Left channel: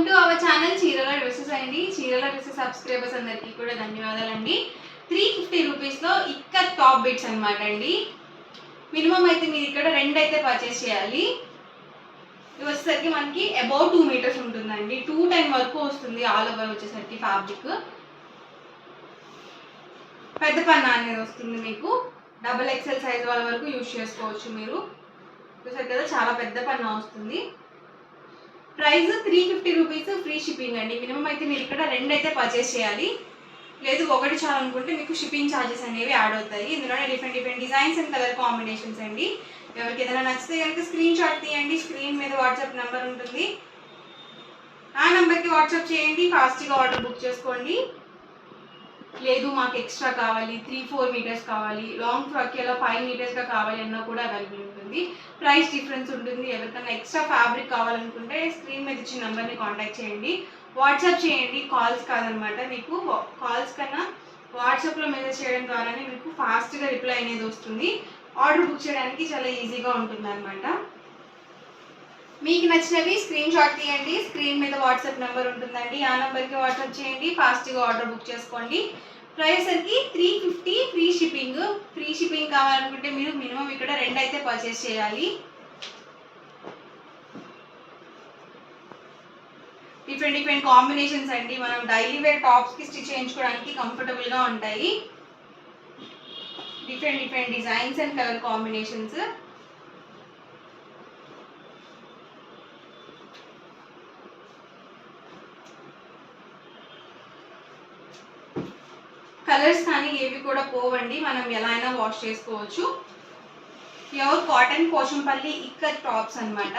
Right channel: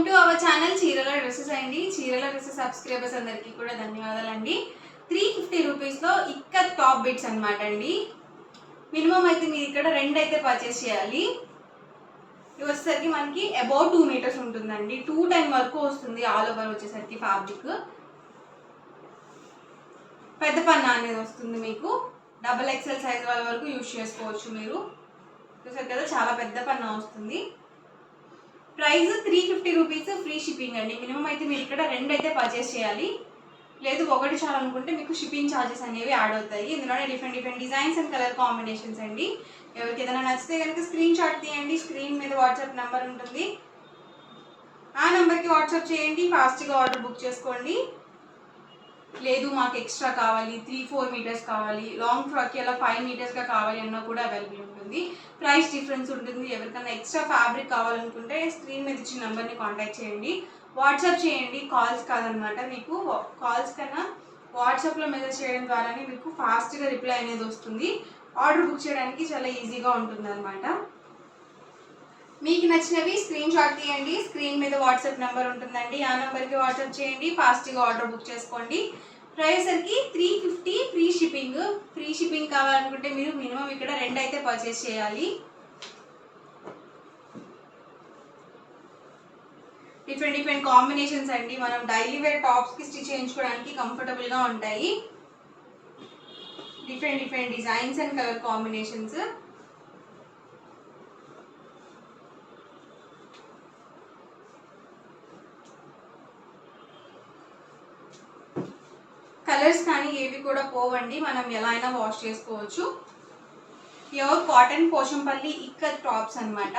Welcome to our channel చీరల డ్రెస్సెస్ అండి. చీరల డ్రెస్సెస్ సబ్స్క్రైబర్స్ అందరికీ కూడా ధన్యవాదాలండి. 350 రూపీస్లో ఇక్కత్ టాప్ బిట్స్ అనమాట అండి. మినిమం అయితే మీరు ఇక్కడ 2 అయితే పర్చేస్ చేయాలి. ఇది వచ్చేసరికి మనకి అబౌట్ 2 మీటర్స్ ఉంటుందండి. 210 వరకు వస్తుంది ఆల్ ఓవర్ వచ్చేసరికి ఫ్యాబ్రిక్. పెద్ద పన్నా అనేది వస్తుంది మీకు. XXL సైజ్ వాళ్ళ వరకు యూజ్ చేసుకోవచ్చు మీరు. చూసారు కదా చాలా పెద్ద పన్నా వస్తుంది. ప్రైస్ 350 రూపీస్, ఫ్రీ షిప్పింగ్ అండి. మినిమం అయితే మీరు ఇక్కడ 2 అయితే పర్చేస్ చేయాలి. లేదు ఒకటి చాలనుకుంటే మీకు షిప్పింగ్ ఛార్జెస్ అనేవి యాడ్ అవుతాయి. ఇందులోనే different designs and colour combinations అండి. ఎవరికి ఏదైనా నచ్చితే కనుక స్క్రీన్ షాట్ తీయండి. స్క్రీన్ మీద వాట్సాప్ నెంబర్ ఉంటుంది, ఆ నెంబర్కి వాట్సాప్ చేయండి. ఫాస్ట్గా ఆర్డర్ బుక్ చేసుకోండి. లేదు మాకు ఎక్స్ట్రా కావాలి, 3-4 మీటర్స్ కావాలి, లాంగ్ ఫ్రాక్కి అలా 5 మీటర్స్గా కావాలి అన్నా కూడా అవైలబుల్ ఉంటుంది. ప్రైస్ డిఫరెన్స్ ఉంటుంది. ఎవరికైనా ఎక్స్ట్రా ఫ్యాబ్రిక్ కావాలనుకుంటే స్క్రీన్ మీద ఇచ్చిన నెంబర్ని కాంటాక్ట్ చేయండి, వాట్సాప్ చేయండి. కాల్స్ కాదనమాట, మీకు కాల్స్ కన్నా వాట్సాప్లో మెసేజ్ చేయడం ద్వారానే మీకు ఫాస్ట్గా రిప్లై అనేది వస్తుంది. ఆర్డర్ బుక్ చేయడానికి చాలా ఈజీగా ఉంటుంది అనమాట. మీకు నచ్చినవి స్క్రీన్ షాట్ తీయండి. స్క్రీన్ మీద వాట్సాప్ నెంబర్ ఉంటుందండి, ఆ నెంబర్కి వాట్సాప్ చేయండి. ఫాస్ట్గా ఆర్డర్ బుక్ చేసుకోండి. ప్రైస్ సరికి 350, ఫ్రీ షిప్పింగ్. ఫ్రీ షిప్పింగ్ కావాలనుకుంటే మీరు మినిమం ఇక్కడ 2 అయితే పర్చేస్ చేయాలి. డిఫరెంట్ కాంబినేషన్స్ అండి. మనం డైలీ వేర్ టాప్స్కి స్టిచ్ చేయించుకోవడానికి కంఫర్టబుల్గా ఉంటాయి. Different designs and colour combinations. Colours కానీ ఏవి కూడా పోవండి, మనం ఎలా అయినా వాష్ చేసుకోవచ్చు. Pure cotton Pochampally ikat tops అనమాట.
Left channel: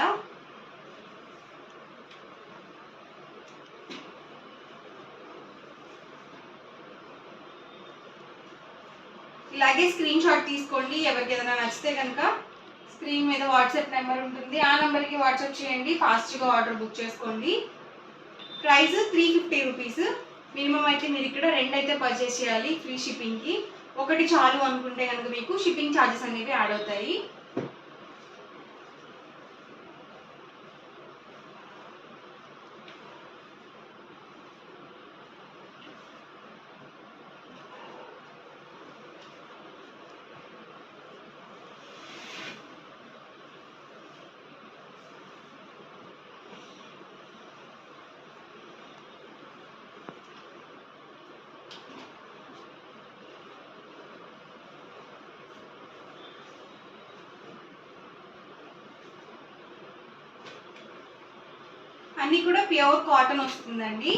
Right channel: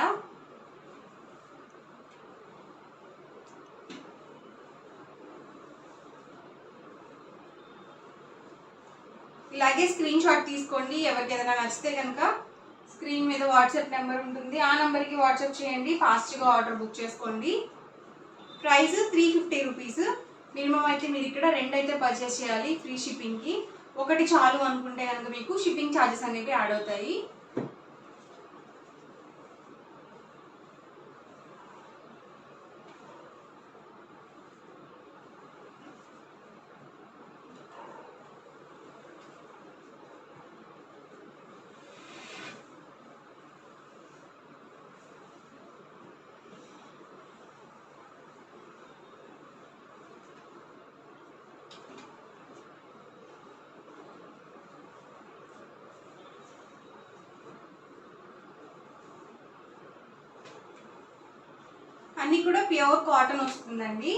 ఇలాగే స్క్రీన్ షాట్ తీసుకోండి. ఎవరికి ఏదైనా నచ్చితే కనుక స్క్రీన్ మీద వాట్సాప్ నెంబర్ ఉంటుంది, ఆ నెంబర్కి వాట్సాప్ చేయండి. ఫాస్ట్గా ఆర్డర్ బుక్ చేసుకోండి. ప్రైస్ 350 రూపీస్. మినిమం అయితే మీరు ఇక్కడ 2 అయితే పర్చేస్ చేయాలి ఫ్రీ షిప్పింగ్కి. ఒకటి చాలు అనుకుంటే కనుక మీకు షిప్పింగ్ ఛార్జెస్ అనేవి యాడ్ అవుతాయి. అన్నీ కూడా ప్యూర్ కాటన్ వస్తుందండి.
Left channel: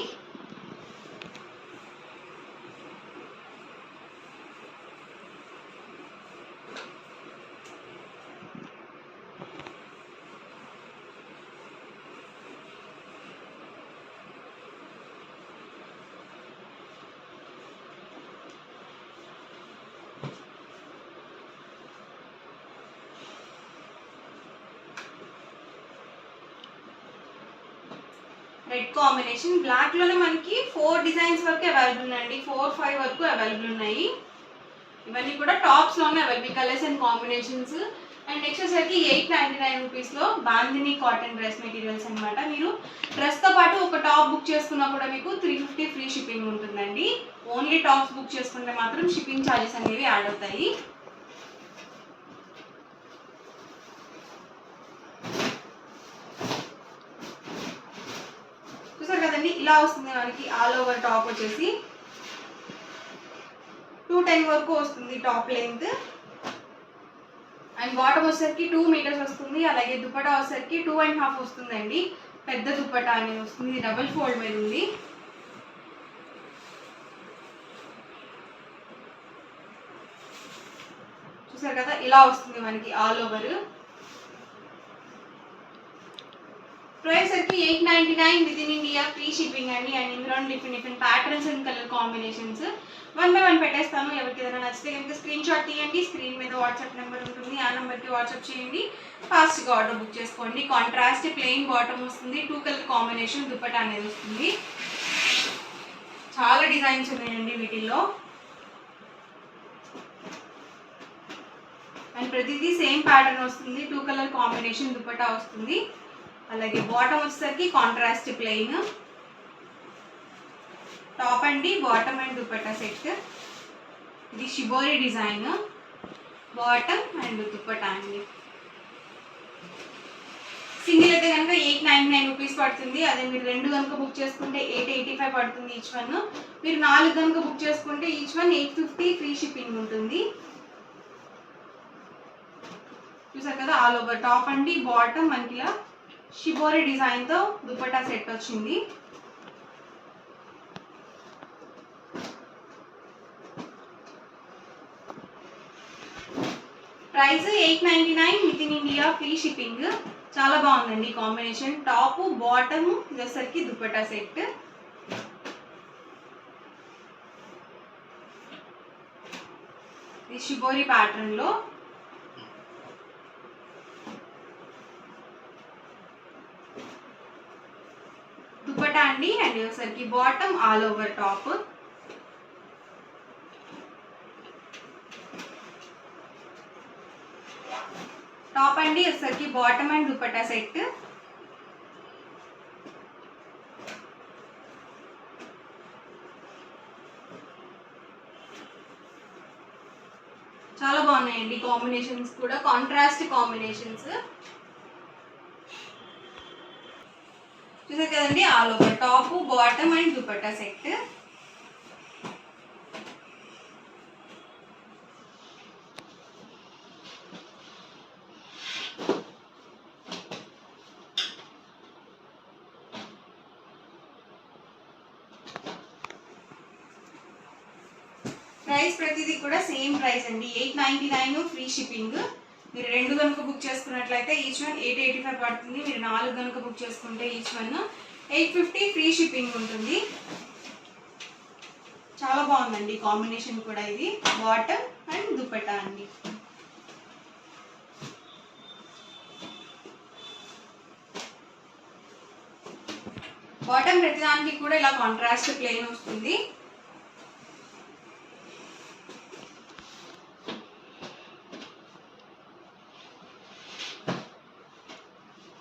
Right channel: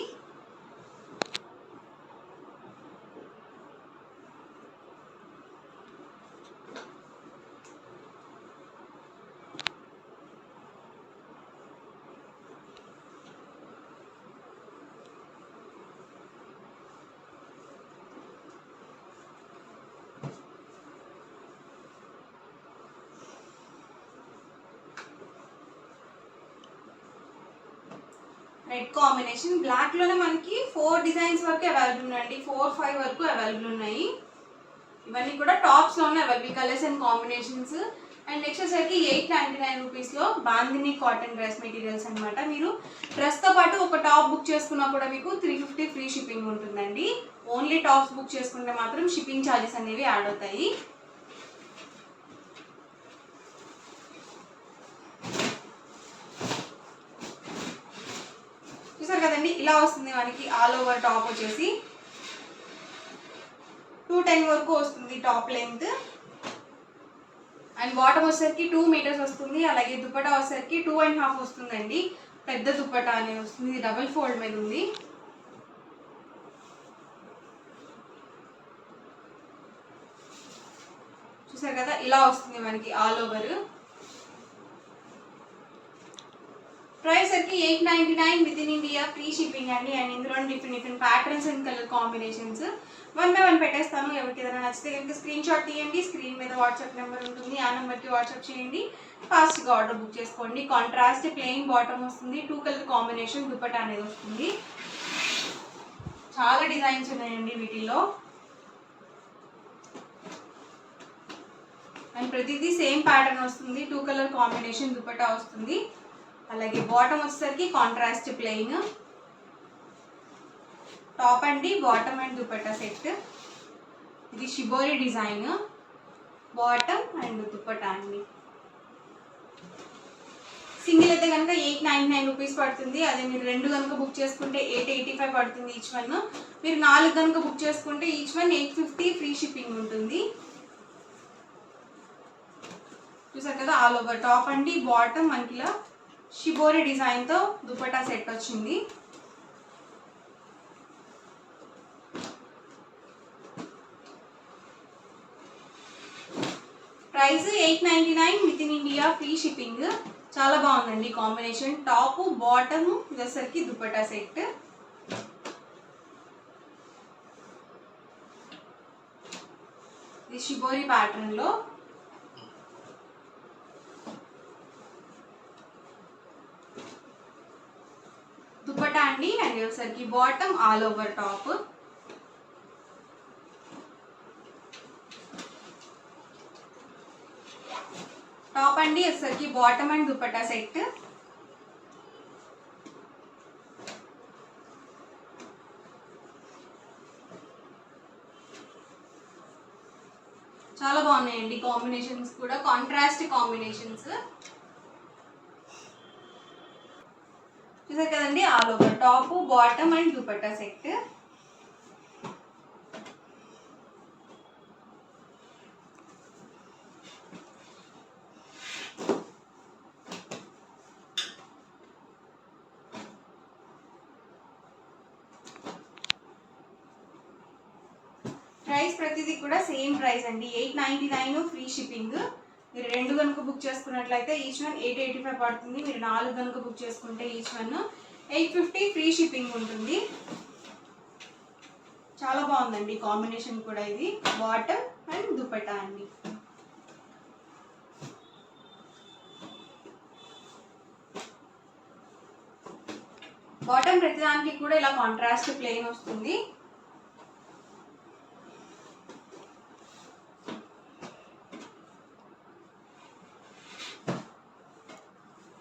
రెడ్ కాంబినేషన్, బ్లాక్లోనే మనకి 4 డిజైన్స్ వరకు అవైలబుల్ అండి. 4-5 వరకు అవైలబుల్ ఉన్నాయి. ఇవన్నీ కూడా టాప్స్లోనే available colours and combinations. And next వచ్చేసరికి 899 రూపీస్లో బాందిని కాటన్ డ్రెస్ మెటీరియల్స్ అనమాట. మీరు డ్రెస్తో పాటు ఒక టాప్ బుక్ చేసుకున్నా కూడా మీకు 350 ఫ్రీ షిప్పింగ్ ఉంటుందండి. ఓన్లీ టాప్స్ బుక్ చేసుకుంటే మాత్రం షిప్పింగ్ ఛార్జెస్ అనేవి యాడ్ అవుతాయి. చూసారు కదండి, ఇలా వస్తుంది మనకి. ఆల్ ఓవర్ టాప్ వచ్చేసి 210 వరకు వస్తుంది టాప్ లెంత్. అండ్ బాటమ్ వచ్చేసరికి 2 మీటర్స్ వస్తుంది. అలాగే దుపట్టా వచ్చేసరికి 2.5 వస్తుందండి. పెద్ద దుపట్టా అనేది వస్తుంది. ఇది డబుల్ ఫోల్డ్ మీద ఉంది. చూసారు కదా, ఇలా వస్తుంది మనకి ఆల్ ఓవర్. ప్రైస్ సరికి 899 with in India, free shipping అండి. అండ్ ఇందులో different patterns and colour combinations 1 by 1 పెట్టేస్తాను. ఎవరికి ఏదైనా నచ్చితే కనుక స్క్రీన్ షాట్ తీయండి. స్క్రీన్ మీద వాట్సాప్ నెంబర్ ఉంటుంది, ఆ నెంబర్కి వాట్సాప్ చేయండి. ఫాస్ట్గా ఆర్డర్ బుక్ చేసుకోండి. కాంట్రాస్ట్ ప్లెయిన్ బాటమ్ వస్తుంది, 2 కలర్ కాంబినేషన్ దుపట్టా అనేది వస్తుంది. చాలా డిజైన్స్ ఉన్నాయండి వీటిల్లో. అండ్ ప్రతిదీ సేమ్ ప్యాటర్న్ వస్తుంది. 2 కలర్ కాంబినేషన్ దుపట్టా వస్తుంది. అలాగే బాటమ్ వచ్చేసరికి కాంట్రాస్ట్ ప్లెయిన్. టాప్ అండి బాటమ్ అండ్ దుపట్టా సెట్. ఇది shibori design, bottom and dupatta అండి. సింగిల్ అయితే కనుక 899 రూపీస్ పడుతుంది. అదే మీరు 2 కనుక బుక్ చేసుకుంటే 885 పడుతుంది ఈచ్ వన్. మీరు 4 కనుక బుక్ చేసుకుంటే ఈచ్ వన్ 850 ఫ్రీ షిప్పింగ్ ఉంటుంది. చూసారు కదా ఆల్ ఓవర్ టాప్ అండి బాటమ్ మనకి ఇలా షిబోరి డిజైన్తో దుపట్టా సెట్ వచ్చింది. ప్రైస్ 899 with in India free shipping. చాలా బాగుందండి కాంబినేషన్. టాప్ బాటమ్ వచ్చేసరికి దుపట్టా సెట్. ఇది షిబోరి ప్యాటర్న్ లో. దుపట్టా అండి అండ్ వచ్చేసరికి bottom all over top. Top అండి వచ్చేసరికి బాటమ్ అండ్ దుపట్టా సెట్. చాలా బాగున్నాయండి కాంబినేషన్స్ కూడా, కాంట్రాస్ట్ కాంబినేషన్స్. చూసారు కదండి all over top bottom and dupatta set. Price ప్రతిదీ కూడా సేమ్ ప్రైస్ అండి, 899 ఫ్రీ షిప్పింగ్. మీరు 2 కనుక బుక్ చేసుకున్నట్లయితే ఈచ్ వన్ 885 పడుతుంది. మీరు 4 కనుక బుక్ చేసుకుంటే ఈచ్ వన్ 850 ఫ్రీ షిప్పింగ్ ఉంటుంది. చాలా బాగుందండి కాంబినేషన్ కూడా. ఇది బాటమ్ అండ్ దుపట్టా అండి. బాటమ్ ప్రతిదానికి కూడా ఇలా కాంట్రాస్ట్ ప్లెయిన్ వస్తుంది.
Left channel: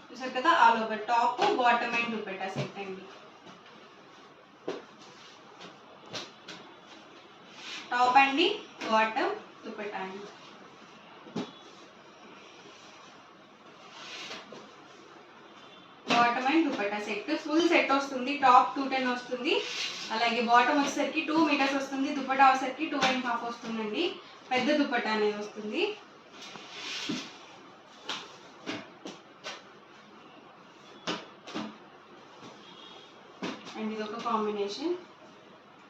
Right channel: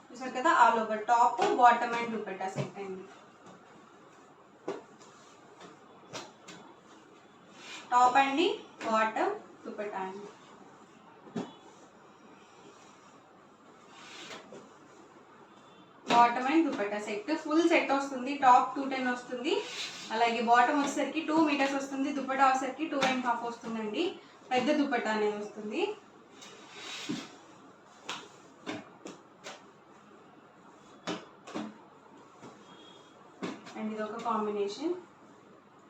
చూసారు కదా all over top bottom and dupatta సెట్ అండి. టాప్ అండి బాటమ్ దుపట్టా అండి. Bottom and dupatta set full set వస్తుంది. టాప్ 210 వస్తుంది. అలాగే బాటమ్ వచ్చేసరికి 2 మీటర్స్ వస్తుంది. దుపట్టా వచ్చేసరికి 2.5 వస్తుందండి. పెద్ద దుపట్టా అనేది వస్తుంది. అండ్ ఇది ఒక కాంబినేషన్.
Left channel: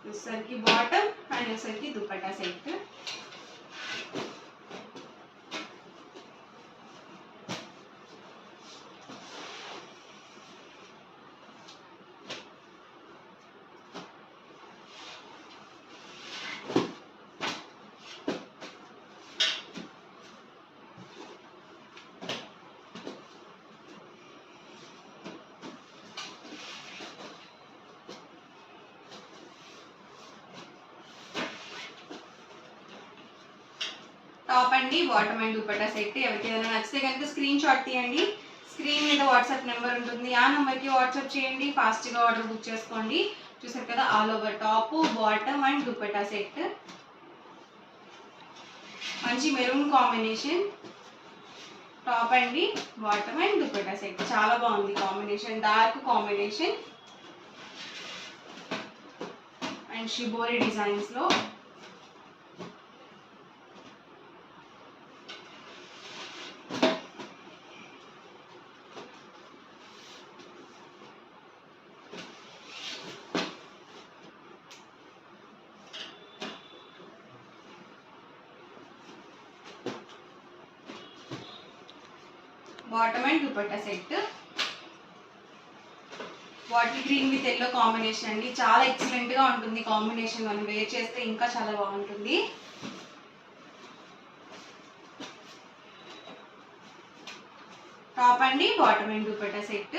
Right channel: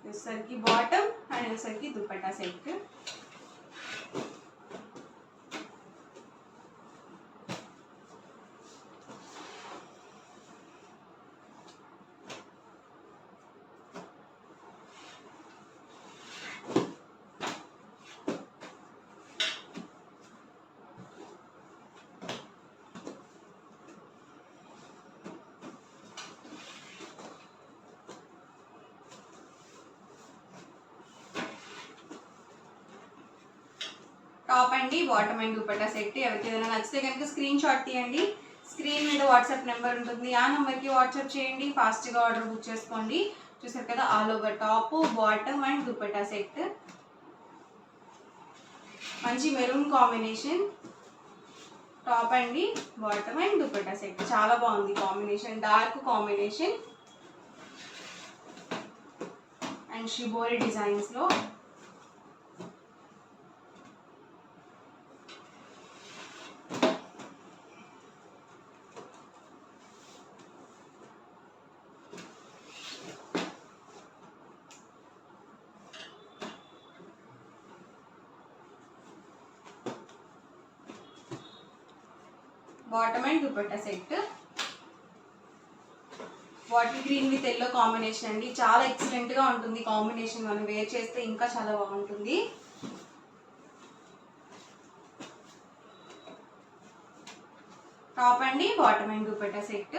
వచ్చేసరికి బాటమ్ అండ్ వచ్చేసరికి దుపట్టా సెట్. టాప్ అండి బాటమ్ అండ్ దుపట్టా సెట్. ఎవరికి ఏదైనా నచ్చితే కనుక స్క్రీన్ షాట్ తీయండి. స్క్రీన్ మీద వాట్సాప్ నెంబర్ ఉంటుంది, ఆ నెంబర్కి వాట్సాప్ చేయండి. ఫాస్ట్గా ఆర్డర్ బుక్ చేసుకోండి. చూసారు కదా all over top bottom and dupatta set. మంచి మెరూన్ కాంబినేషన్. టాప్ అండి బాటమ్ అండ్ దుపట్టా సెట్. చాలా బాగుంది combination, dark combination and shibori డిజైన్స్లో. Bottom and dupatta set. Bottle green with yellow combination అండి. చాలా ఎక్సలెంట్ గా ఉంటుంది కాంబినేషన్. మనం వేర్ చేస్తే ఇంకా చాలా బాగుంటుంది. టాప్ అండి బాటమ్ అండ్ దుపట్టా సెట్.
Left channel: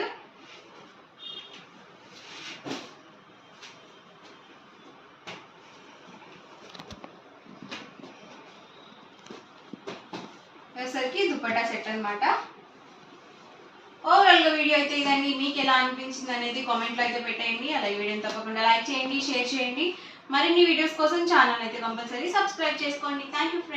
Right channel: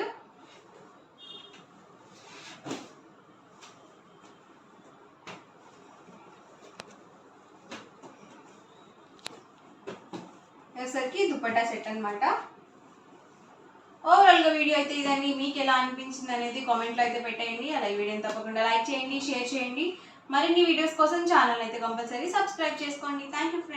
వచ్చేసరికి దుపట్టా సెట్ అనమాట. ఓవరాల్ ఓవరాల్గా వీడియో అయితే ఇదండి. మీకు ఎలా అనిపించింది అనేది కామెంట్లో అయితే పెట్టేయండి. అలాగే వీడియోని తప్పకుండా లైక్ చేయండి, షేర్ చేయండి. మరిన్ని వీడియోస్ కోసం ఛానల్ అయితే కంపల్సరీ సబ్స్క్రైబ్ చేసుకోండి. Thank you friends.